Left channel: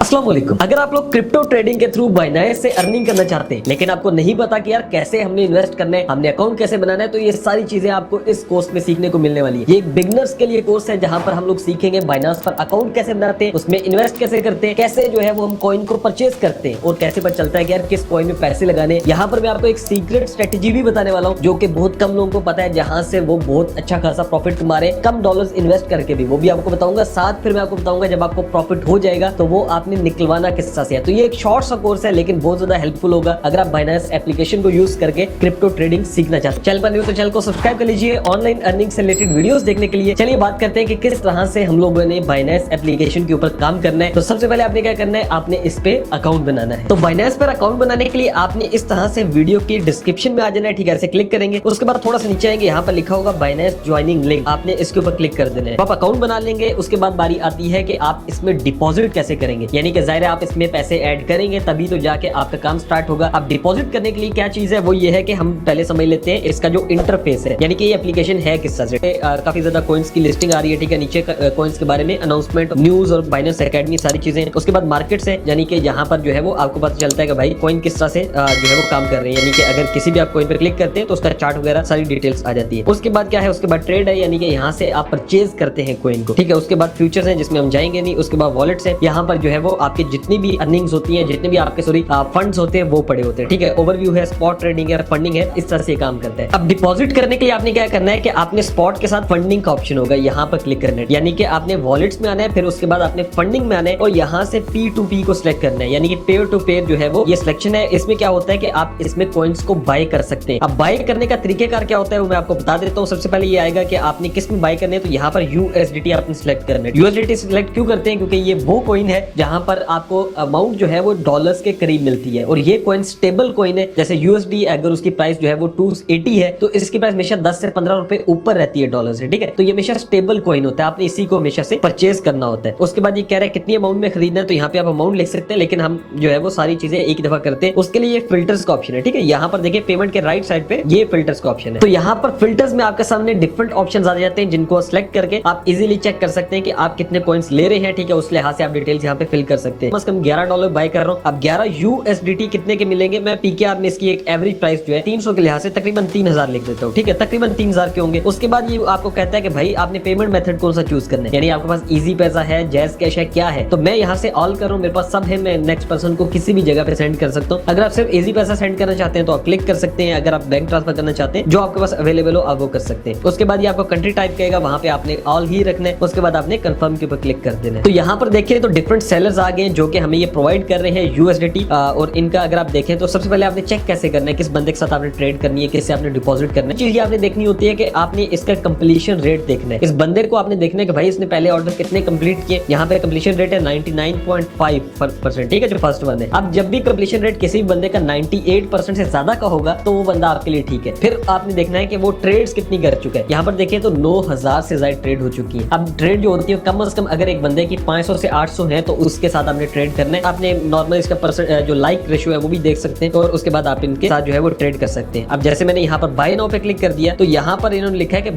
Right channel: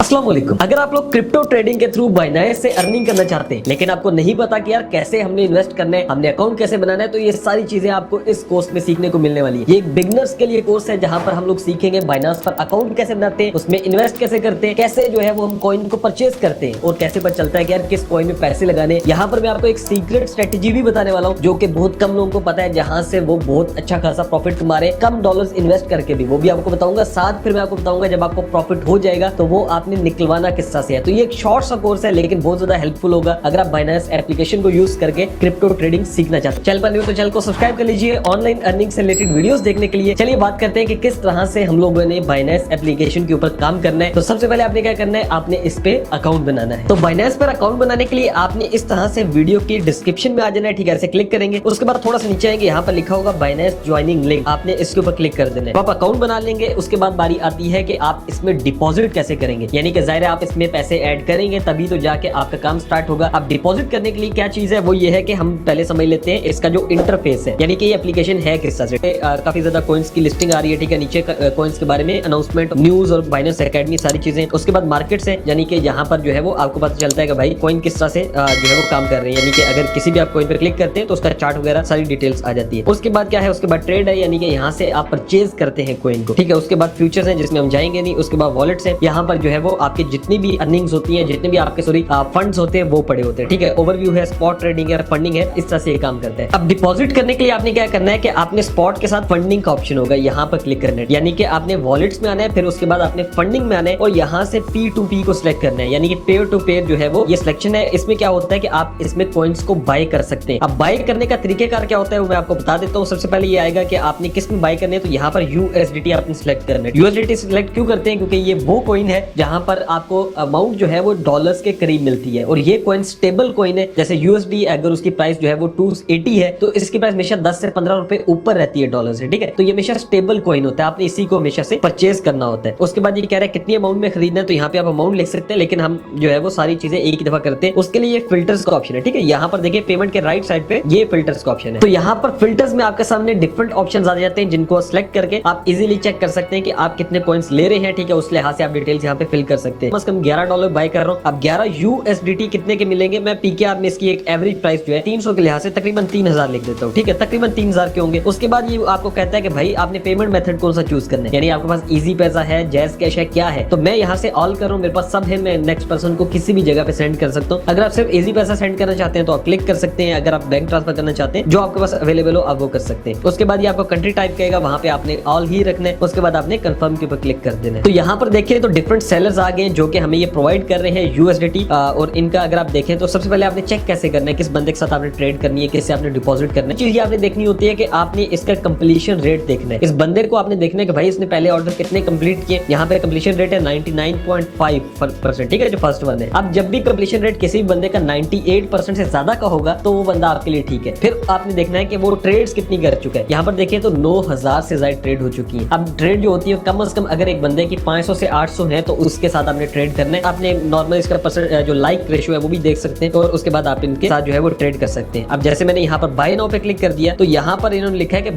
अस्सलाम वालेकुम। अगर आप लोग क्रिप्टो ट्रेडिंग के थ्रू बाइनेंस से अर्निंग करना चाहते हैं लेकिन आपको नहीं पता कि यार कैसे हमने इन्वेस्ट करना है, हमने अकाउंट कैसे बनाना है, तो ये सारी चीजें आपको इस कोर्स में सीखने को मिलने वाली है। ये एक बिगनर्स के लिए कोर्स है जहां पर हम लोग सीखेंगे बाइनेंस पर अकाउंट कैसे बनाते हैं, उसमें इन्वेस्ट कैसे करते हैं, कैसे जो है वो हम कॉइन को परचेज करते हैं और कैसे पता चलता है कि यार किस कॉइन में पैसे लगाने। यहाँ पर मैं आपको एक सीक्रेट स्ट्रेटेजी भी बताने वाला हूँ जो कि बहुत कम लोगों को पता है, जहां से वो बहुत अच्छा खासा प्रॉफिट कमारे कम डॉलर्स इन्वेस्ट करके भी, वो भी आपको बताऊंगा। साथ फिर मैं आपको बताऊंगा जब आपको प्रॉफिट हो जाएगा तो वो आपने निकलवाना किस तरह से है। तो ये एक शॉर्ट सा कोर्स है लेकिन बहुत ज्यादा हेल्पफुल होगा अगर आप बाइनेंस एप्लीकेशन को यूज करके क्रिप्टो ट्रेडिंग सीखना चाहते हैं। चैनल पर न्यू तो चैनल को सब्सक्राइब कर लीजिए ऑनलाइन अर्निंग से रिलेटेड वीडियोस देखने के लिए। चलिए बात करते हैं कि किस तरह से हम लोगों ने बाइनेंस एप्लीकेशन के ऊपर काम करना है। तो सबसे पहले आपने क्या करना है, आपने इस पे अकाउंट बनाना है। तो बाइनेंस पर अकाउंट बनाने के लिए आपने इस तरह से वीडियो के डिस्क्रिप्शन में आ जाना है, ठीक है, ऐसे क्लिक करेंगे। उसके बाद थोड़ा सा नीचे आएंगे, यहाँ पर लिखा होगा बाइनेंस ज्वाइनिंग लिंक, आपने इसके ऊपर क्लिक कर देना है। तो आप अकाउंट बना लेंगे। उसके बाद बारी आती है कि आप इसमें डिपॉजिट कैसे करेंगे, यानी कि जाहिर है आप इसमें पैसे ऐड करेंगे तभी तो जाके आपका काम स्टार्ट होगा। अब डिपॉजिट करने के लिए क्या चीज है, वो ये है कि हम पहले समझ लेते हैं इसका जो इंटरफेस है, यानी कि ये एप्लीकेशन है किस तरह से। काफी ज्यादा कॉइन्स की लिस्टिंग आ रही है, ठीक है, नीचे कॉइन्स के बारे में अनाउंसमेंट, न्यूज और बाइनेंस एकेडमी सारी चीजें। उसके बाद मार्केट से, यानी कि यहाँ पर जो है वो आपको पता चलता है कि भाई कॉइन किस तरह से जो है वो काम कर रही है, यानी कि अगर किसी भी आप कॉइन पर क्लिक करते हैं तो उसका चार्ट वगैरह सारी डिटेल्स आ जाती है। उसके बाद क्या है, उसके बाद ट्रेड है, यानी कि यहाँ से आप परचेज करते हैं कॉइन को, ठीक है। उसके बाद फ्यूचर्स है जिसमें हम जाएंगे नहीं। उसके बाद वॉलेट्स है, यहाँ पर जो है वो आपके जितनी भी अर्निंग्स होती है, जितने भी आपके फंड्स होते हैं वो पड़े होते हैं, ठीक है। ओवरव्यू है, स्पॉट ट्रेडिंग है, फंडिंग है, इस तरह से काम करते हैं। अब डिपॉजिट करने के लिए आपने क्या करना है कि आपने स्पॉट के साथ फंडिंग का ऑप्शन होगा, यहाँ पर क्लिक करना है, यानी कि आपने वॉलेट्स में आना है, फिर उसके बाद आपने फंडिंग में आना है और यहाँ से P2P को सिलेक्ट करना है, यानी कि पेयर टू पेयर जो है वो ये सिलेक्शन है। इसमें क्या होता है कि आप इसमें कॉइन्स को बाय कर सकते हैं। अब बाय करने का तरीकेकार क्या होता है वो मैं आपको बता देता हूँ। सबसे पहले ये आएगा कि आपने किस में बाय करने है, तो यहाँ पर USDT आपने सिलेक्ट करना है। USDT सिलेक्ट क्यों करते हैं, क्योंकि ये वो कॉइन है जहां पर आपको अमाउंट जो है वो डॉलर्स के करीब मिलती है और ये कॉइन स्टेबल कॉइन है। जैसे USD अगर उसकी प्राइस जो है वो 280 है तो इसकी प्राइस हमेशा 10 से 15 रुपए ऊपर रहती है डॉलर से, ठीक है। तो ये हमेशा स्टेबल कॉइन होता है, आपने इसी को हमेशा से परचेज करना होता है। उसके बाद ये कह रहे हैं कितनी अमाउंट में खरीदना है, तो यहाँ पे आप अमाउंट लिख सकते हैं, लेकिन हम जो है वो सारी चीजें एक ही दफा करते हैं। उसके लिए फिल्टर्स का ऑप्शन है, ठीक है। यहाँ पर देखिए पेमेंट के राइट साइड पे ये फिल्टर्स का ऑप्शन है। तो यहाँ पर फिल्टर्स में आपके सामने डिफरेंट ऑप्शन आ जाते हैं जिनको सिलेक्ट करके आप इजीली चेक कर सकते हैं कि आप कितने कॉइन्स ले रहे हैं, ठीक है। उस लिहाज से आप डिटेल्स यहाँ पे फिल कर सकते हैं। कम $11 बाय कर रहा हूँ। अब 11 USDT कितने के मिलेंगे, मैं PKR में इसकी एक एवरेज प्राइस जो है 300 के लिहाज से तकरीबन 3000 लिख देता हूँ, ठीक है, तकरीबन 3000 के होंगे। उसके बाद ये आपको कहता है कि भाई आपने पेमेंट मेथड कौन सा चूज करना है, यानी आपके पास इजी पैसा है, जैज कैश है, क्या है। तो मैं यहाँ से ऑल कर रहा हूँ, मेरे पास सब है, मैं नेक्स्ट पर्सन को किसी भी जगह पे सेंड कर सकता हूँ। अगर आप सिर्फ इजी पैसा सेंड करना चाहते हैं तो आप क्लिक कर सकते हैं। अगर आप बैंक ट्रांसफर करना चाहते हैं, जो आपके पास अवेलेबल हो आप वो कर सकते हैं। उसके बाद ये आपको कंट्री टाइप कहेगा, वहां पे आपने ऑल ही रखना है। उसके बाद आपने कंफर्म के ऊपर क्लिक कर देना है। तो यहाँ पर देखिए तो डिफरेंट सेलर्स आ गए जो कि हमें ये प्रोवाइड कर रहे हैं USDT और इनका अगर आप देखें तो सबसे पहले आपने चेक कैसे करना है, किस बंदे के साथ आपने ट्रेड करनी है, किससे आपने डिपॉजिट करना है। चीज आपने देखनी होती है कि आपने इसका कंप्लीशन रेट देखना है। इस बंदे को आपने देखना है कि भाई इसने पहले ऑर्डर कितने कंप्लीट किए। यहाँ पे कंप्लीशन रेट है 99.5%, ठीक है, जो फर्स्ट वन है। अब जब भी कंप्लीशन रेट किसी भी बंदे का 98% से ज्यादा का होगा तो वो बंदा आपके लिए ठीक है। फिर आपने देखना है कि वो ट्रेड्स कितनी कर चुके हैं। यहाँ पर देखिए तो 9000 से ज्यादा ट्रेड हो चुकी है। अब ट्रेड जो होती है कम से कम अगर एक बंदे की 500 से 800 है तो उसके साथ आपने ट्रेड करना है। आपने नॉर्मल इसका जो लाइक रेशियो है वो भी देख सकते हैं और उसके बाद आप इनके साथ जो है वो ट्रेड कर सकते हैं। अब जैसे मैंने यहाँ पर बाय नाउ पे क्लिक कर दिया तो यहाँ पर इन्होंने लिखा है कि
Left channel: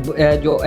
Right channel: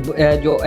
जो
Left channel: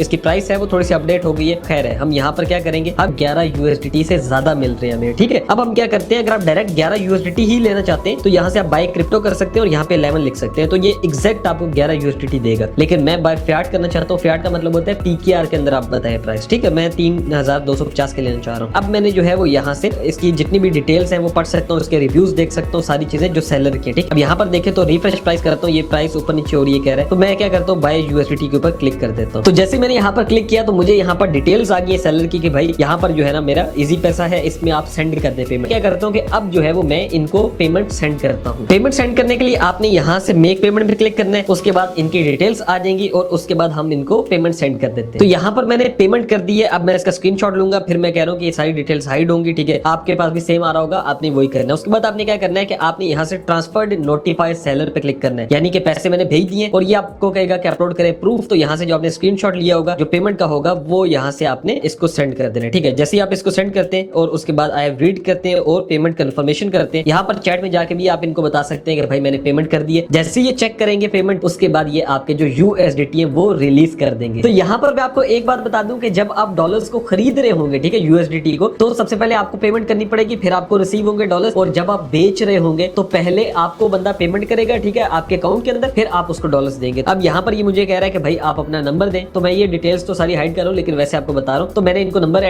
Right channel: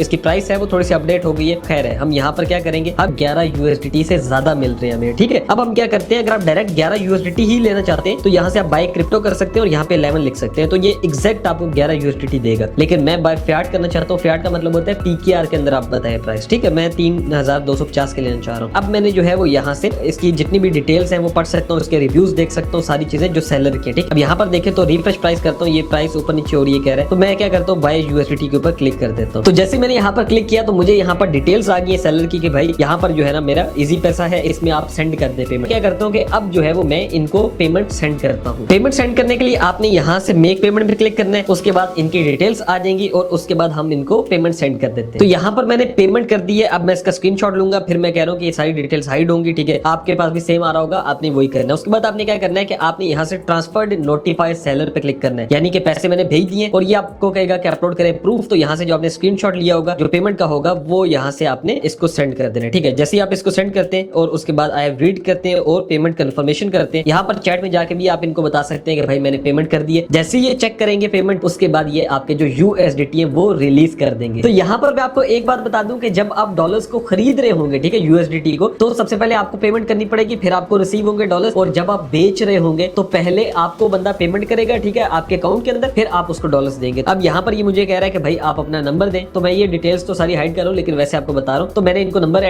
इसकी प्राइस है वो थोड़ी सी अपडेट हो गई है। खैर है, हम यहाँ पर क्या करेंगे, अब 11 USDT से ज्यादा मिल रहे हैं हमें, ठीक है। अब हम क्या करते हैं, अगर आप डायरेक्ट 11 USDT ही लेना चाहते हैं तो यहाँ से आप बाय क्रिप्टो कर सकते हैं और यहाँ पे 11 लिख सकते हैं, तो ये एग्जैक्ट आपको 11 USDT देगा। लेकिन मैं बाय फियाट करना चाहता हूँ। फियाट का मतलब होता है PKR के अंदर आप बताएं प्राइस, ठीक है। मैं 3250 के लेना चाह रहा हूँ। अब मैंने जो है वो यहाँ से इसकी जितनी भी डिटेल्स है वो पढ़ सकता हूँ, इसके रिव्यूज देख सकता हूँ, सारी चीजें जो सेलर की, ठीक है। अब यहाँ पर देखें तो रिफ्रेश प्राइस करता हूँ, ये प्राइस ऊपर नीचे हो रही है कह रहे हैं, तो मैं क्या करता हूँ बाय USDT के ऊपर क्लिक कर देता हूँ। तो जैसे मैंने यहाँ पर क्लिक किया तो मुझे यहाँ पर डिटेल्स आ गई है सेलर की कि भाई यहाँ पर जो है ना मेरा इजी पैसा है, इसमें आप सेंड कर दे पेमेंट। क्या करता हूँ कि अब जो है वो मैं इनको पेमेंट सेंड करता हूँ। पेमेंट सेंड करने के लिए आपने यहाँ से मेक पेमेंट पे क्लिक करना है। उसके बाद इनकी डिटेल्स आ जाएंगी और उसके बाद हम इनको पेमेंट सेंड कर देते हैं। तो यहाँ पर मैंने पेमेंट कर दी है। अब मैं इसका स्क्रीनशॉट लूंगा, फिर मैं कह रहा हूँ कि ये सारी डिटेल्स हाइड होंगी, ठीक है। आपके पास भी सेम आ रहा होगा, आपने वही करना है। उसके बाद आपने क्या करना है कि आपने यहाँ से ट्रांसफर्ड नोटिफाई सेलर पे क्लिक करना है, यानी कि पैसे मैंने भेज दिए और ये आपको कहेगा कि अपलोड करें प्रूफ। तो यहाँ से जो आपने स्क्रीनशॉट लिया होगा जो पेमेंट का होगा वो यहाँ से आपने इसको सेंड कर देना है, ठीक है। जैसे ही आप इसको सेंड करते हैं और उसके बाद आई रीड करते हैं और पेमेंट कंफर्मेशन करते हैं, यहाँ पर चैट में जाके भी आप इनको बता सकते हैं कि भाई मैंने पेमेंट कर दी है। जैसे ये चेक करेंगे पेमेंट, उसके बाद ये आपके जो USDT है वो रिलीज कर देंगे। तो यहाँ पर मैं आपको एक बात बता दूं कि जब आप डॉलर्स को खरीद रहे होंगे, ठीक है, USDT को, तो सबसे पहले आपको पेमेंट करनी पड़ेगी, फिर आपको रिसीव होंगे डॉलर्स, और जब आप बेच रहे होंगे तो पहले आपको बंदा पेमेंट करेगा, ठीक है, आपके अकाउंट के अंदर, फिर आप उसको डॉलर्स देंगे। अब यहाँ पर ये मुझे कह रहा है कि भाई आप अपना नंबर दें, तो मैं ये डिटेल्स तो सारी हाइड कर रहा हूँ, लेकिन वैसे आपको बता रहा हूँ। तो मैंने इनको नंबर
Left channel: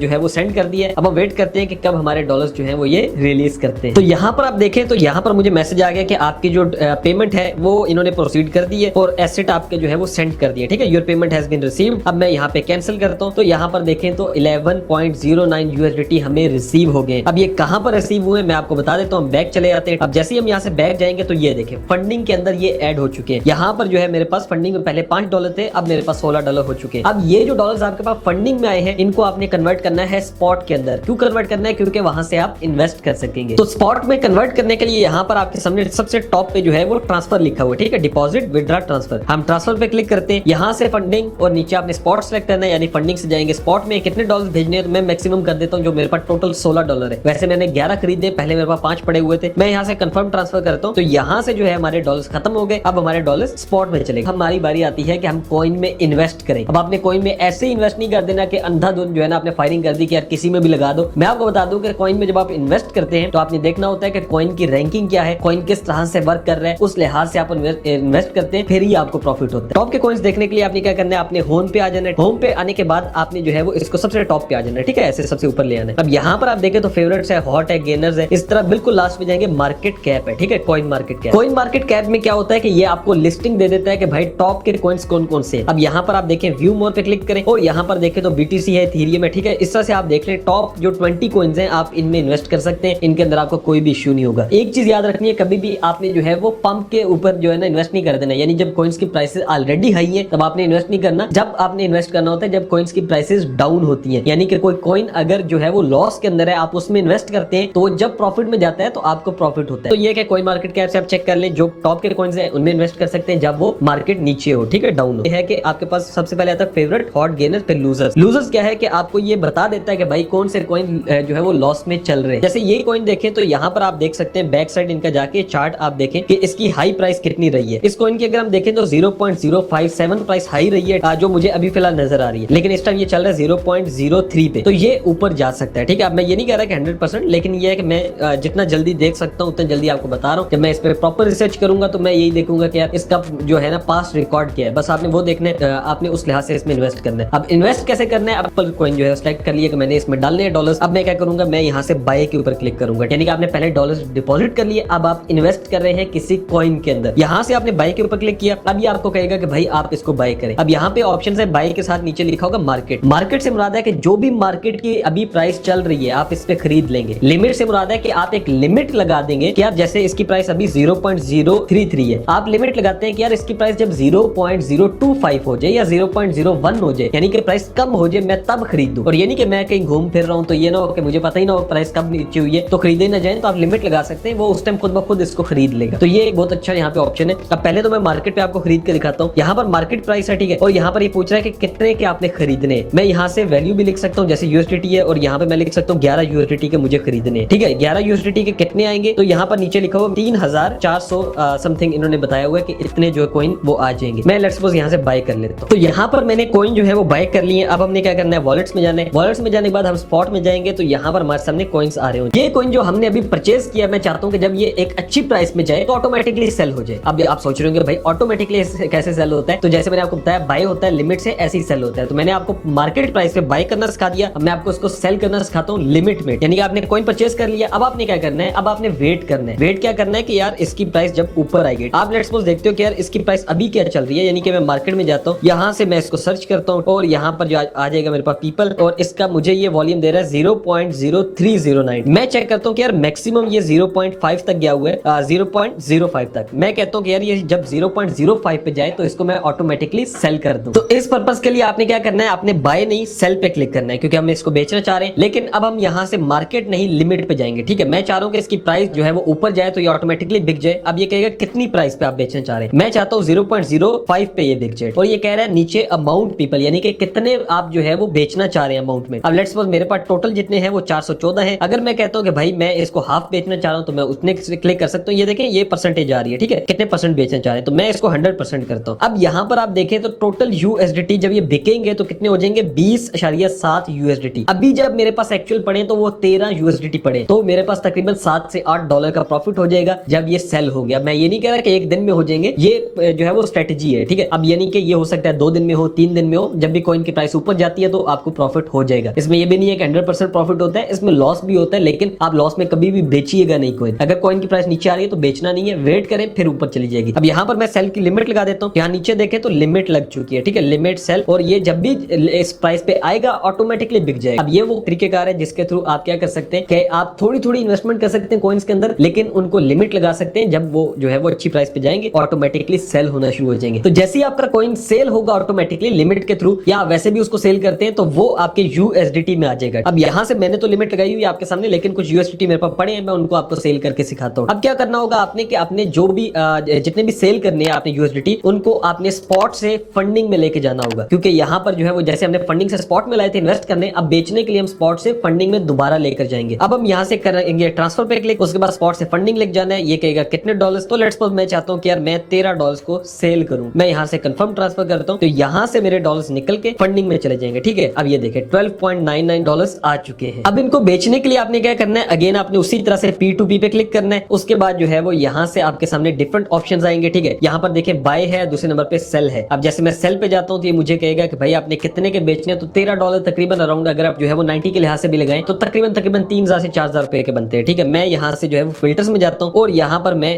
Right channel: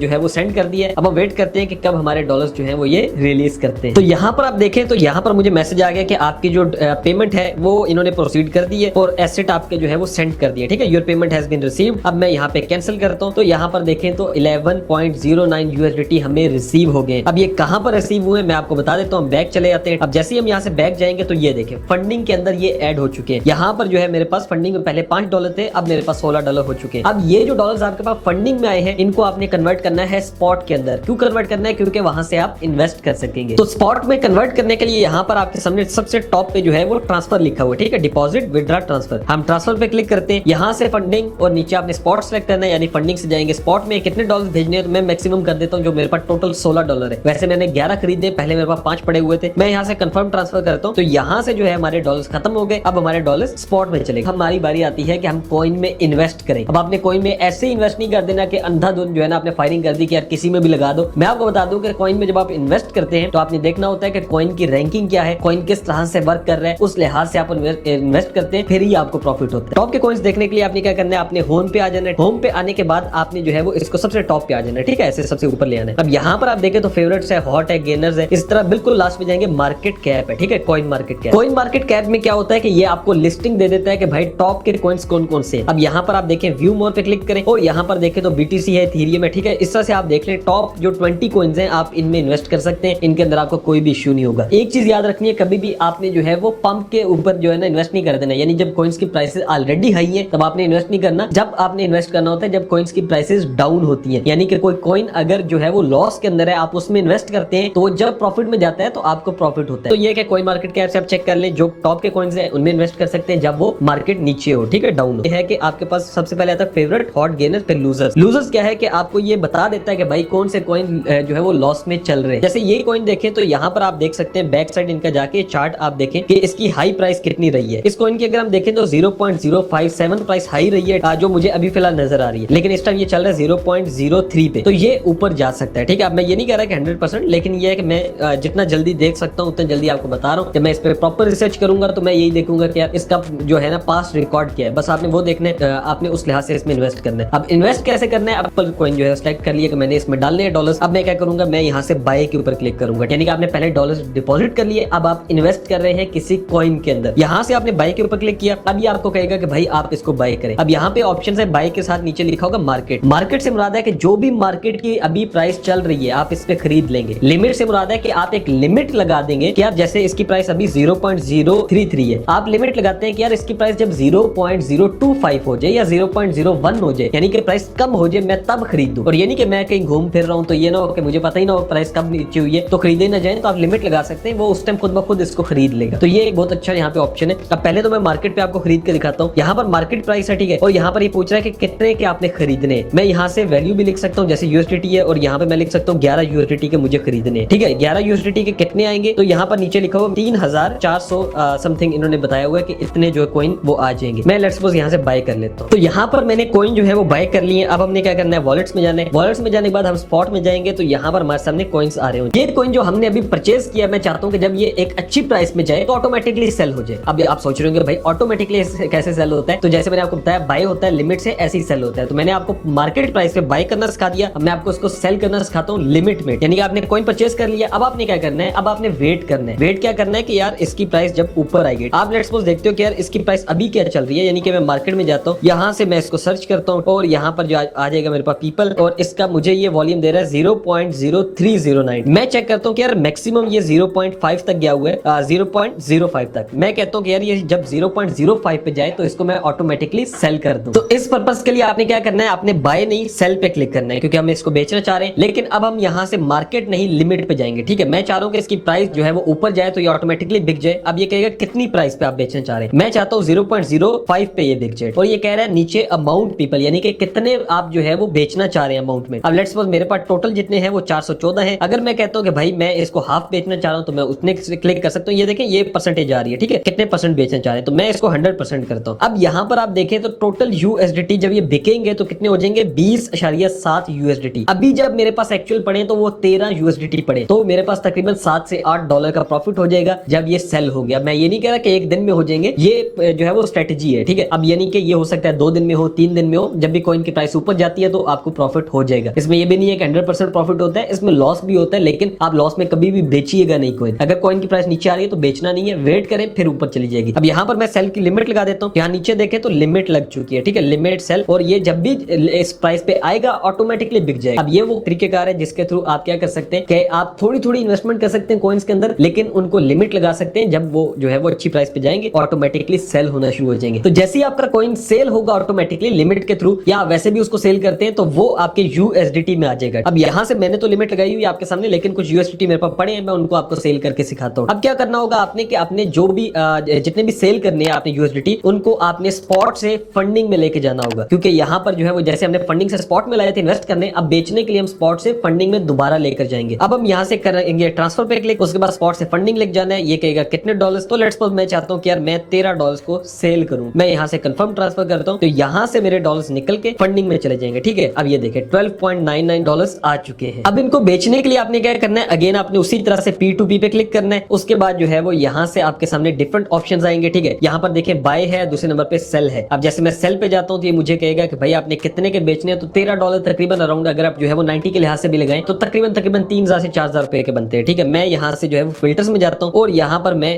जो है वो सेंड कर दिया है। अब हम वेट करते हैं कि कब हमारे डॉलर्स जो है वो ये रिलीज करते हैं। तो यहाँ पर आप देखें तो यहाँ पर मुझे मैसेज आ गया कि आपकी जो पेमेंट है वो इन्होंने प्रोसीड कर दी है और एसेट आपके जो है वो सेंड कर दिया, ठीक है, your payment has been received. अब मैं यहाँ पे कैंसिल करता हूँ, तो यहाँ पर देखें तो 11.09 USDT हमें रिसीव हो गए। अब ये कहाँ पर रिसीव हुए मैं आपको बता देता हूँ। बैक चले जाते हैं। अब जैसे ही हम यहाँ से बैक जाएंगे तो ये देखें फंडिंग के अंदर ये ऐड हो चुके हैं। यहाँ पर जो है मेरे पास फंडिंग में पहले $5 थे, अब मेरे पास $16 हो चुके हैं। अब ये जो डॉलर्स आपके पास फंडिंग में आए हैं, इनको आपने कन्वर्ट करना है स्पॉट के अंदर। क्यों कन्वर्ट करना है? क्योंकि वहां से आप इन्वेस्ट कर सकेंगे। तो स्पॉट में कन्वर्ट करने के लिए यहाँ पर आपके सामने सबसे टॉप पे जो है वो ट्रांसफर लिखा हुआ है, ठीक है, डिपॉजिट विड्रॉ ट्रांसफर। हम ट्रांसफर पे क्लिक करते हैं, यहाँ से फंडिंग और नीचे आपने स्पॉट सेलेक्ट करना है, यानी फंडिंग से जाएंगे स्पॉट में कितने डॉलर भेजने हैं। तो मैं मैक्सिमम कर देता हूँ, जो मेरे पास टोटल $16 है। वैसे मैंने 11 खरीदे, पहले मेरे पास 5 पड़े हुए थे। मैं यहाँ से कंफर्म ट्रांसफर करता हूँ, तो यहाँ से जो है हमारे डॉलर्स खत्म हो गए। अब हमारे डॉलर्स स्पॉट में चले। हमारी बारी आती है कि हम कॉइन में इन्वेस्ट करें। अब आपने कॉइन में ऐसे इन्वेस्ट नहीं कर देना कि अंधाधुंध जो है ना आपने फायरिंग कर दी कि यार किसी में भी लगा दो। मैं आपको बता दूं कि कॉइन में जब आप इन्वेस्ट करते हैं तो आपने देखना होता है कि कॉइन की रैंकिंग क्या है, कॉइन किस तरह से वर्क कर रहे हैं, उस लिहाज से आप इन्वेस्ट करते हैं, फिर ही आपको प्रॉफिट होता है। टॉप के कॉइन्स देखने के लिए आपने क्या करना है, आपने होम पे आ जाना है। होम पे आने के बाद आपने जो है वो इसको सबसे टॉप पे आ जाना है, ठीक है, ऐसे सबसे ऊपर ले आना है। अब यहाँ पर आप देखें तो फेवरेट्स है, हॉट है, गेनर्स है, इस तरह बिल्कुल लास्ट में जाएंगे मार्केट कैप है, ठीक है, coin market cap. Coin market cap में क्या होता है कि ये आपको लिस्टिंग दे देता है कि भाई टॉप के कॉइन्स कौन कौन से। अब यहाँ पर आप देखें व्यू मोर पे क्लिक करें और यहाँ पर देखें तो BTC है, इथेरियम है, ठीक है, इस तरह से आप देख लें टॉप जो 20 कॉइन्स हैं आप इनमें इन्वेस्ट कर सकते हैं। इनके अंदर आपको कोई भी इश्यू नहीं होगा। एक चीज याद रखनी है, कभी भी आपने जो है वो पंप के ऊपर जो है ना इन्वेस्ट नहीं कर देना, यानी जब कॉइन्स की प्राइसेस ऑलरेडी हाई है तब आपने इन्वेस्ट नहीं करना। जब आपने इन्वेस्ट करना होता है जब कॉइन्स की प्राइसेस डाउन होती है, यानी कि कोई कॉइन अगर जो है वो लॉस के अंदर है आप उसमें इन्वेस्ट करते हैं तो जब प्रॉफिट में जाता है तो आपको प्रॉफिट होता है। तो ये कि कॉइन मार्केट कैप से आप चेक कर लें, जो टॉप के कॉइन्स हैं उनमें इन्वेस्ट कर सकते हैं जब वो मार्केट नीचे हो, ठीक है, डाउन हो। है कि आपके पास सबसे पहले आता है फेवरेट, हॉट, गेनर, फिर लूजर्स। लूजर्स क्या है कि आपको ये बता देता है कि भाई कौन से कॉइन जो है वो लॉस में चल रहे हैं। जैसे ये कॉइन देखें तो यहाँ पर आप देख सकते हैं बैक साइड इनका जाके चार्ट आप देखें कि इसकी हाई प्राइस कितनी रही है। इस कॉइन की अगर हम देखें तो 0.057 प्राइस हाई रही है, जो मुझे अभी फिलहाल नजर आ रही है, लेकिन इस टाइम ये चल रहा है 0.03 पे, तो ये ऊपर जा सकता है, ठीक है। अब मैं ये नहीं कह रहा कि 100%, लेकिन ये है कि मैं जितना जल्दी देख सकता हूँ उतना जल्दी आपको बता रहा हूँ कि मैं इस पर प्रॉपर रिसर्च करूंगा तो मैं यही देखूंगा कि यार इसका जो है ना पास्ट रिकॉर्ड क्या है, बस आपने वो देखना है, आपने उस लिहाज से इसमें इन्वेस्ट करना है। अब इन्वेस्ट कैसे करना है, एप्पल कॉइन जो है सेलेक्ट कर लिया कि मैंने इसमें डालने हैं डॉलर्स। अब मैं क्या करूंगा, मैं यहाँ से बाय के ऊपर क्लिक करूंगा, यानी कि आपने पहले डॉलर्स डिपॉजिट कर लिए, अब आप इन्वेस्ट कर रहे हैं किसी कॉइन के अंदर। यहाँ से आपने बाय के ऊपर क्लिक किया, अब ये आपको कहेगा कि भाई आप इसको बाय करें। अब यहाँ पे ऑप्शन है बाय के साथ नीचे लिखा होगा मार्केट। मार्केट से मुराद है कि जो भी मार्केट की अभी प्राइस चल रही है आप इस पे खरीद लेंगे। लिमिट से मुराद है कि आप एक लिमिट लगा देंगे कि यार जैसे इसकी प्राइस अभी 0.033 है, आप लिमिट लगाते हैं कि यार इसकी प्राइस जब 0.025 हो जाए या 0.01 हो जाए, यानी कि प्राइस कम हो जाए, मैं तब खरीद दूं। और ये नहीं कि मैं कहीं घूम फिर रहा हूं तो ये ना हो कि मुझे पता ही ना हो प्राइस कब नीचे हुई है तो खरीदे ना जाए, तो आप लिमिट लगा सकते हैं, वो उस टाइम खुद ब खुद इसको खरीद लेगा। तो ये एक बहुत अच्छा यहाँ पे ऑप्शन है। अब पहले तो मैं मार्केट पे आपको खरीद के दिखाता हूँ। यहाँ पर मार्केट प्राइस है, ठीक है, और यहाँ पर ये पूछ रहा है कि कितने के आपने खरीदने। मैं यहाँ से वैल्यू भी लिख सकता हूँ, जैसे USDT है, और यहाँ पे मैं लिख सकता हूँ 11 USDT के मुझे खरीदने, ठीक है। 11 USDT के कितने आएंगे, तो यहाँ पर नीचे लिखा हुआ 3400 समथिंग इन्होंने बताया हुआ है कि इतने जो कॉइन वो आ जाएंगे। मैं लेट्स सपोज यहाँ से बाय कर लेता हूँ। तो यहाँ पर मैंने कॉइन जो है वो बाय कर लिए। अब हमने क्या करना है, वॉलेट्स में जाना है। वॉलेट्स में जाने के बाद हम स्पॉट में जाएंगे तो यहाँ पर हमारे सामने कॉइन्स आ रहे हो। ये कॉइन जो हमने अभी परचेज किया, मैं चाहता हूँ कि जब ये एक अच्छी प्राइस में जाए तो ऑटोमेटिकली सेल हो जाए। अब आप सोच रहे होंगे भाई ऑटोमेटिकली कैसे सेल होता है, तो जैसे मैंने आपको बताया बाय होता है लिमिट से, ऐसे ही सेल होता है। तो मैंने आपको मार्केट प्राइस पे बाय करना सिखा दिया, अब मैं आपको उसको सेल करना सिखाता हूँ लिमिट में। यानी कि आपने कॉइन परचेज कर लिया, अब आपने क्या करना है, अब आपने वेट करना है। वेट क्या करना है कि यार इसकी प्राइस जब ऊपर आएगी, आप लेट्स सपोज देखते हो कि यार इसकी प्राइस अभी क्या चल रही है, यानी कि मैं मार्केट में जाता हूँ, यहाँ से मैं इसको सर्च करता हूँ और यहाँ पर जो आ जाएगा मेरे पास पीपल, और इसका मुझे ये वॉल्यूम दे रहा है 0.0309। मैं चेक करता हूँ कि यार मैक्सिमम ये 0.5 तक गया हुआ है, 0.05 तक। मैं कहता हूँ कि यार ये जब 0.05 पे जाए तो इसको मैं ऑटोमेटिकली सेल कर दूं। तो इस पर्पस के लिए आपने क्या करना है, आपने बाय नहीं सेल पे क्लिक करना है, क्योंकि हम इसको बेचना चाह रहे हैं। लेकिन अब हम यहाँ से मार्केट नहीं लिमिट पे जाएंगे, ठीक है। मैं चाह रहा हूँ कि इसकी प्राइस जो है वो ऊपर जाए तो ये ऑटोमेटिकली बिक जाए। अब ये कहेगा कितनी प्राइस पे आप बेचना चाह रहे हैं, मैं चाहता हूँ 0.05 पे ये बिक जाए। और ये कह रहा है नीचे अमाउंट पीपल, यानी कि कितने आप जो है वो बेचना चाह रहे हैं अमाउंट में। अब लेट्स सपोज मेरे पास टोटल जितने हैं वो 414 है। अगर मैं कहता हूँ कि भाई मैं इसको हाफ बेचना चाह रहा हूँ तो मैं उतने क्लिक कर सकता हूँ। ये देखें ये परसेंटेज आ रही है, ठीक है, कितने परसेंट बेचना चाह रहे हैं, तो मैं इसको 100% करता हूँ। अब यहाँ पर आप देखें तो टोटल USDT जब ये बिकेंगे तो कितने हो जाएंगे, 20.7 USDT। अभी जब मेरे पास पास एक्चुअल पड़े तो वो 13 यूएसडीटी पड़े, तो मेरे पास तकरीबन 7 से 8 डॉलर का प्रॉफिट हो जाएगा जब ये सेल हो गया। मैं ये नहीं कह रहा कि एक दिन में हो जाएंगे, ये जो है वो स्ट्रेटेजी है, ठीक है। अब यानी कि ये हो सकता है 2 दिन में हो, 3 दिन में हो, जब भी कॉइन की प्राइस ऊपर जाती है तो आपको प्रॉफिट हो जाएगा। इसमें ये भी नहीं है कि 100% प्रॉफिट होता है, इसमें लॉस भी होता है, लेकिन आप लॉस में कभी भी बेचिएगा नहीं कॉइन। अगर कॉइन की प्राइस नीचे आ रही है तो बेचना नहीं है, वेट करें फिर ऊपर चली जाएगी। अब यहाँ पर मैं सेल की लिमिट लगा देता हूँ, यहाँ नीचे देखें तो लिमिट लग चुकी है, ठीक है, लिमिट सेल, और ये जब भी इस प्राइस पे आएगा ऑटोमेटिकली बिक जाएगा। अब ये वो तरीकेकार है जिसके थ्रू आप क्या कर सकते हैं कि आप थोड़ी थोड़ी इन्वेस्टमेंट कर सकते हैं कॉइन्स के अंदर, लेकिन उनको लिमिट लगा सकते हैं। जब वो जो है वो अच्छी प्राइस पे जाएंगे ऑटोमेटिकली सेल होना शुरू हो जाएंगे। तो जैसे ही आपका कॉइन सेल होगा ऑटोमेटिकली लिमिट के थ्रू, या वैसे भी उसको सेल करते हैं तो वो आपके यूएसडीटी में आ जाएगा। अब यहाँ से मैंने तो लिमिट लगाई हुई है आपके सामने, लेकिन कुछ यूएसडीटी मेरे पास पड़े हैं, मैं उनको आपको सेल करके सिखाता हूँ। अब क्या करना होगा आपने कि आपने जो भी जितने भी सेल करने हैं आपने यूएसडीटी, उनको आपने स्पॉट से फंडिंग में लेके जाना होगा, क्योंकि यहाँ पर जो है वो जैसे हमने फंडिंग से स्पॉट में लाए थे इन्वेस्ट करने, अब बेचने के लिए हम स्पॉट से फंडिंग में दोबारा लेकर जाएंगे। अब हम यहाँ से करेंगे ट्रांसफर पे क्लिक, उसके बाद स्पॉट से फंडिंग लेके जाना है। ये कहेगा कितने डॉलर्स, तो लेट्स सपोज मैं चाहता हूँ कि यार मैं 13 डॉलर्स को सेल करूं, मैं यहाँ से कंफर्म ट्रांसफर करता हूँ, तो यहाँ से मेरे डॉलर्स निकल के फंडिंग में चले जाएंगे, ठीक है। अब ये देखें 12.99 डॉलर्स आ चुके हैं। अब इनको बेचने के लिए आपने क्या करना है, अगेन आपने उसी तरह से P2P पे क्लिक करना है। उसके बाद जो है वो यहाँ से आपके सामने डिफरेंट ऑप्शंस आएंगे, ठीक है। यहाँ पर देखिए बाय है, दूसरे नंबर पे सेल है। अब जैसे मैं सेल पे जाता हूँ तो ये मुझे कहेगा कि भाई आपने कितने के बेचने, तो 13 डॉलर तकरीबन अराउंड, अगर आप जो है वो 90 के लिहाज से भी लगाएं तो तकरीबन 3000 से 4000 रुपए के बनते हैं, ठीक है। मैं यहाँ से जो है वो फिल्टर्स में जाता हूँ और यहाँ पर मैं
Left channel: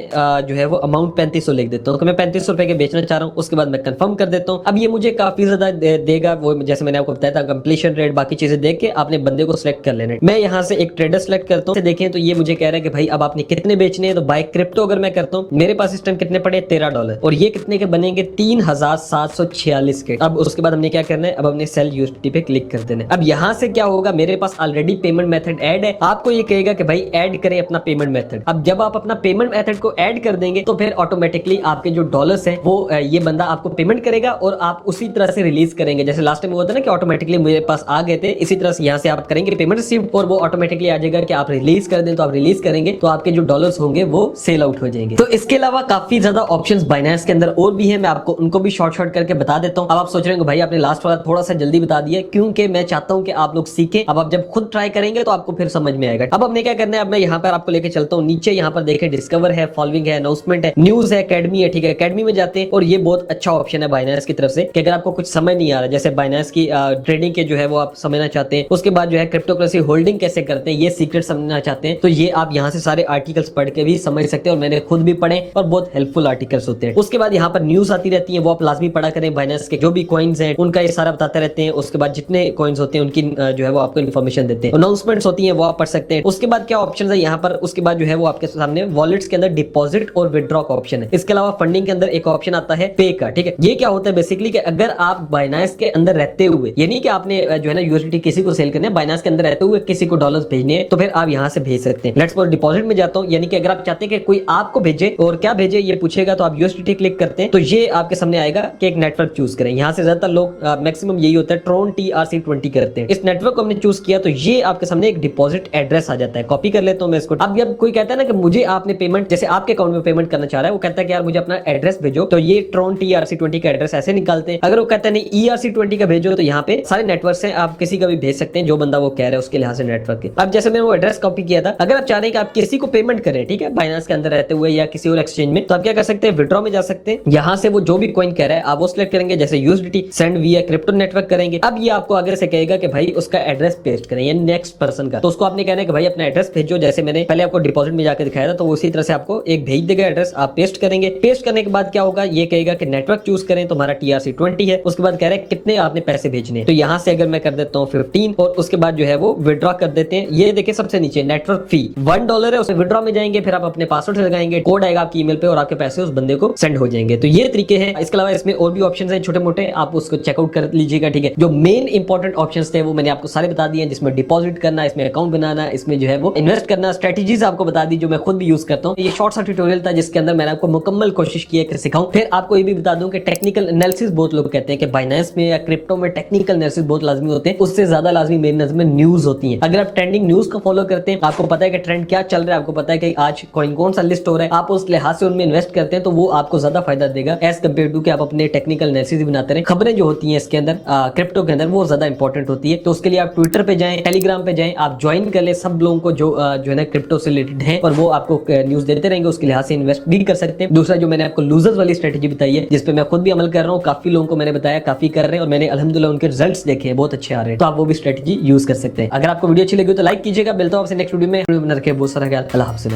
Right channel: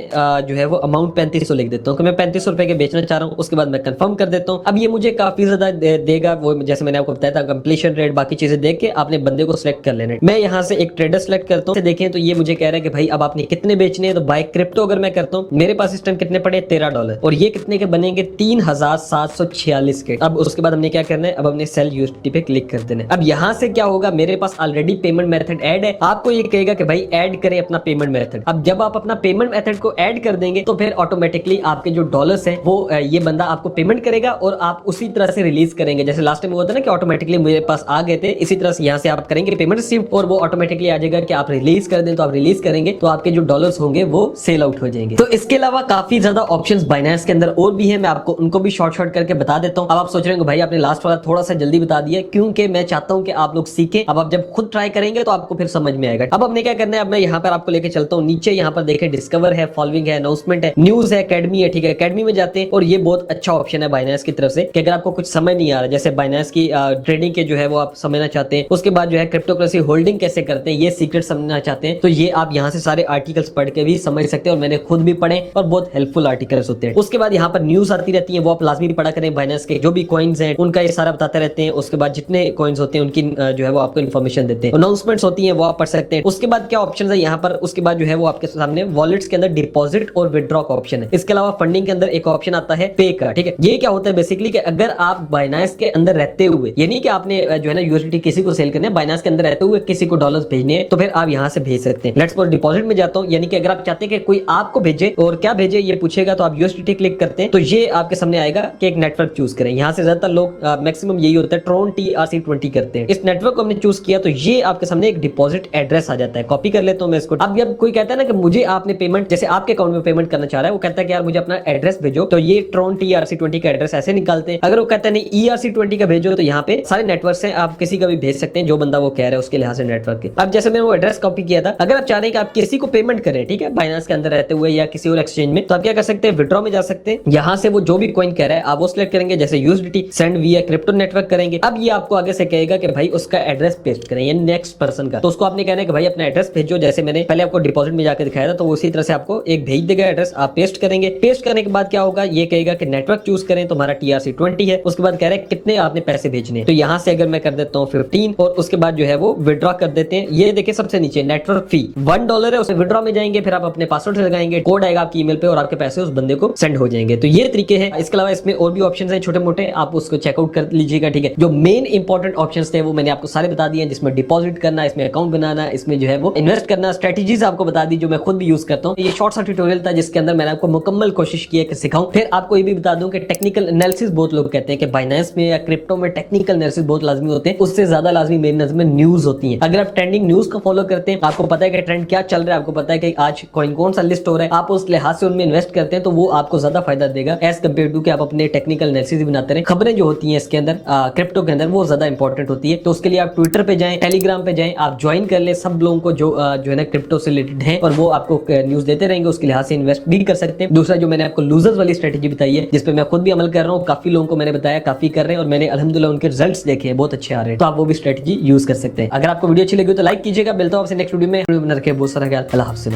जो है वो अमाउंट 3500 लिख देता हूँ, तो मैं 3500 रुपए के बेचना चाह रहा हूँ। उसके बाद मैं कंफर्म कर देता हूँ। अब ये मुझे काफी ज्यादा देगा, वो जैसे मैंने आपको बताया था कंप्लीशन रेट, बाकी चीजें देख के आपने बंदे को सिलेक्ट कर लेना है। मैं यहाँ से एक ट्रेडर सिलेक्ट करता हूँ, देखें तो ये मुझे कह रहा है कि भाई अब आपने कितने बेचने हैं, तो बाय क्रिप्टो अगर मैं करता हूँ, मेरे पास इस टाइम कितने पड़े 13 डॉलर, और ये कितने के बनेंगे 3746 के। अब उसके बाद हमने क्या करना है, अब हमने सेल यूएसडीटी पे क्लिक कर देना है। अब यहाँ से क्या होगा, मेरे पास ऑलरेडी पेमेंट मेथड ऐड है, आपको ये कहेगा कि भाई ऐड करें अपना पेमेंट मेथड। अब जब आप अपना पेमेंट मेथड को ऐड कर देंगे तो फिर ऑटोमेटिकली आपके जो डॉलर्स हैं वो ये बंदा आपको पेमेंट करेगा और आप उसी तरह से रिलीज करेंगे। जैसे लास्ट टाइम हुआ था ना कि ऑटोमेटिकली मेरे पास आ गए थे, इसी तरह से यहाँ से आप करेंगे पेमेंट रिसीव और वो ऑटोमेटिकली आ जाएगा कि आप रिलीज कर दें, तो आप रिलीज करेंगे तो आपके जो डॉलर्स होंगे वो सेल आउट हो जाएंगे। तो इसके अलावा काफी ज्यादा ऑप्शंस बाइनेंस के अंदर और भी है, मैं आपको उनको भी शॉर्ट करके बता देता हूँ। अब आप सोच रहे हो भाई आपने लास्ट वाला थोड़ा सा जल्दी बता दिया, क्योंकि मैं चाहता हूँ कि आप लोग सीखें। अब आप जब खुद ट्राई करेंगे तो आपको फिर समझ में आएगा। अब हमने क्या करना है, अब मैं यहाँ पर आपको लेके चलता हूँ नीचे, यहाँ पर देखे डिस्कवर है, फॉलोइंग है, अनाउंसमेंट है, न्यूज है, अकेडमी है, ठीक है। अकेडमी में जाते हैं और ये बहुत अच्छा ऑप्शन है बाइनेंस की तरफ से कि अगर आपको कुछ समझ नहीं आ रहा, जैसे बाइनेंस की ट्रेडिंग के जो है वो आप समझना चाहते हैं, उसके बाद जो है क्रिप्टो करेंसी होल्डिंग कैसे करते हैं ये सीक्रेट समझना चाहते हैं, तो ये आप यहाँ से सारे आर्टिकल्स पढ़ते भी समझ सकते हैं, और मैंने खुद भी पढ़े और बहुत हेल्पफुल आर्टिकल्स होते हैं। उसके बाद यहाँ पर न्यूज आती रहती है, वो आप लाजमी पढ़ा करें। बाइनेंस के जो भी कॉइन्स हैं उनका ये सारा बताते रहते हैं। उसके बाद जितने कॉइन्स होते हैं उनकी जो है वो आपको इन्फॉर्मेशन देते हैं। अनाउंसमेंट्स होती हैं वो आप पढ़ सकते हैं। उसके बाद क्या ऑप्शन है यहाँ पर, उसके बाद जो है वो आपके सामने वॉलेट्स के अंदर डिपॉजिट और विड्रॉ का ऑप्शन है। इसके अलावा फंडिंग के अंदर एक ऑप्शन आता है पे का, ठीक है। ये क्या होता है बेसिकली कि अगर आप बाइनेंस के अंदर रहते हुए, यानी कि आपने जो है ना यूएसडीटी किसी को सेल करने, बाइनेंस के अंदर रहते हुए किसी को डॉलर्स भेजने हैं, तो फिर आप यहाँ से भेज सकते हैं। लेट्स सपोज डिपॉजिट में जाता हूँ, यानी कि अगर आप चाहते हैं कि कोई आपको भेजे और क्या भेजे ये पूछेगा, तो आप यूएसडीटी क्लिक करते हैं तो ये आपके सामने आएगा कि एक नेटवर्क चूज करें। यहाँ से ज्यादातर लोग मैक्सिमम यही होता है ट्रोन TRC20 करते हैं। इस नेटवर्क को हमने चूज किया तो ये आपके सामने एक डिपॉजिट एड्रेस आ जाता है। कॉपी कर लेता हूं मैं इसको। अब जब कोई कहता है ना कि मुझे आपने पेमेंट, जैसे आपके अकाउंट में पेमेंट करना चाह रहा है, वो कहता है कि यार मुझे अपना एड्रेस भेजो, तो ये ट्रोन TRC20 का एड्रेस ऐसे निकालते हैं। अगर वो कहता है नहीं ERC20 का भेजो, तो यहाँ पे सारे नेटवर्क हैं, आप किसी का भी भेज सकते हैं जो बंदा वो कह रहा है उसके लिहाज से नेटवर्क। अब जैसे मैंने वो एड्रेस कॉपी किया था, अगर आप चाह रहे हैं कि आप किसी को पेमेंट करें, ठीक है, बाइनेंस के अंदर रहते हुए या किसी और एक्सचेंज में, तो आप क्या कर सकते हैं, विड्रॉ में जा सकते हैं। यहाँ से वो जो भी कॉइन कह रहा है आप वो सिलेक्ट करेंगे, जैसे यूएसडीटी सेंड विया क्रिप्टो नेटवर्क करेंगे। अब ये आपको आगे से कहेगा कि भाई उसका एड्रेस पेस्ट करें, यानी नेक्स्ट पर्सन का, तो उसको आपने कहना है कि भाई अपना एड्रेस भेजो। जैसे मैंने पहले आपको डिपॉजिट में जाकर दिखाया था, तो उसी तरह से आपको एक भेज देगा एड्रेस, आप पेस्ट करेंगे। पेस्ट करने के बाद क्या होगा, ये कहेगा कि नेटवर्क चूज करें, तो हमारा TRC20 है। उसके बाद कह रहे हैं कितने आपने पैसे भेजने, तो यहाँ से अगर मैं कर देता हूँ 15, और उसके बाद जो है वो विड्रॉ कर देते हैं। ये देखिए सबसे नीचे नेटवर्क फी $1 है, उसे विड्रॉ में जाएंगे, फिर आप अपने पासवर्ड लगाएंगे, कोड आएगा आपकी ईमेल पे और आपके पैसे उस बंदे को सेंड हो जाएंगे। तो ये तरीके हैं। इसके अलावा इसमें और भी ऑप्शंस हैं छोटे मोटे, आप उसको चेकआउट कर लीजिएगा, ठीक है। जो मेन इंपॉर्टेंट ऑप्शंस थे वो मैंने आपको सारे बता दिए, जिसमें डिपॉजिट करना, इसमें अकाउंट बनाना, इसमें जो है वो इन्वेस्ट करना, स्ट्रेटजीज आपको बता दी जो मैं खुद भी यूज करता हूँ। ये शॉर्ट सा ट्यूटोरियल था जिसके अंदर मैंने आपको मुकम्मल कोशिश की है सिखाऊं। फिर आपको ये भी बता दूं कि टेक्निकल एनालिसिस, बहुत लोग कहते हैं कि बाइनेंस में या क्रिप्टो में टेक्निकल एनालिसिस बहुत लाजमी होते हैं, उससे ज्यादा लाजमी मेरी नजर में न्यूज होती है। अगर आप ट्रेंडिंग न्यूज को फॉलो करते हैं, आपको पता है कि ट्रेंड क्या चल रहा है, आपको पता है कि आज कौन सा लिस्ट हो रहा है, आप उस लिहाज से उनमें इन्वेस्ट करते हैं, तो वो आपको ज्यादा फायदा देगा एज कम्पेयर टू कि आप अपने टेक्निकल एनालिसिस बनाते रहे। खबरें जो होती हैं इसके अंदर क्रिप्टो के अंदर वो ज्यादा इंपॉर्टेंट होती है। तो उसके लिए आप ट्विटर पे जाए, टेलीग्राम पे जाए, आप ज्वाइन कर ले सब लोगों को जो है ना क्रिप्टो से रिलेटेड है, और वो आपको न्यूज देते रहेंगे, उसके लिहाज से इन्वेस्ट भी कर सकते हैं। दूसरा जो मैंने आपको लूजर्स वाली स्ट्रेटेजी बताई है, जिसपे मैं खुद भी अमल कर रहा हूँ, काफी लोगों को मैंने बताया, काफी कर रहे हैं, और मैंने अल्हम्दुलिल्लाह उनके रिजल्ट्स देखे हैं, बहुत अच्छे आ रहे हैं, तो आप वो भी स्ट्रेटेजी यूज कर सकते हैं। अगर आपको वीडियो अच्छी लगी तो लाइक कीजिएगा। मिलता हूं आपसे नेक्स्ट वीडियो में। रखे बहुत सारा ख्याल। अल्लाह हाफ़िज़।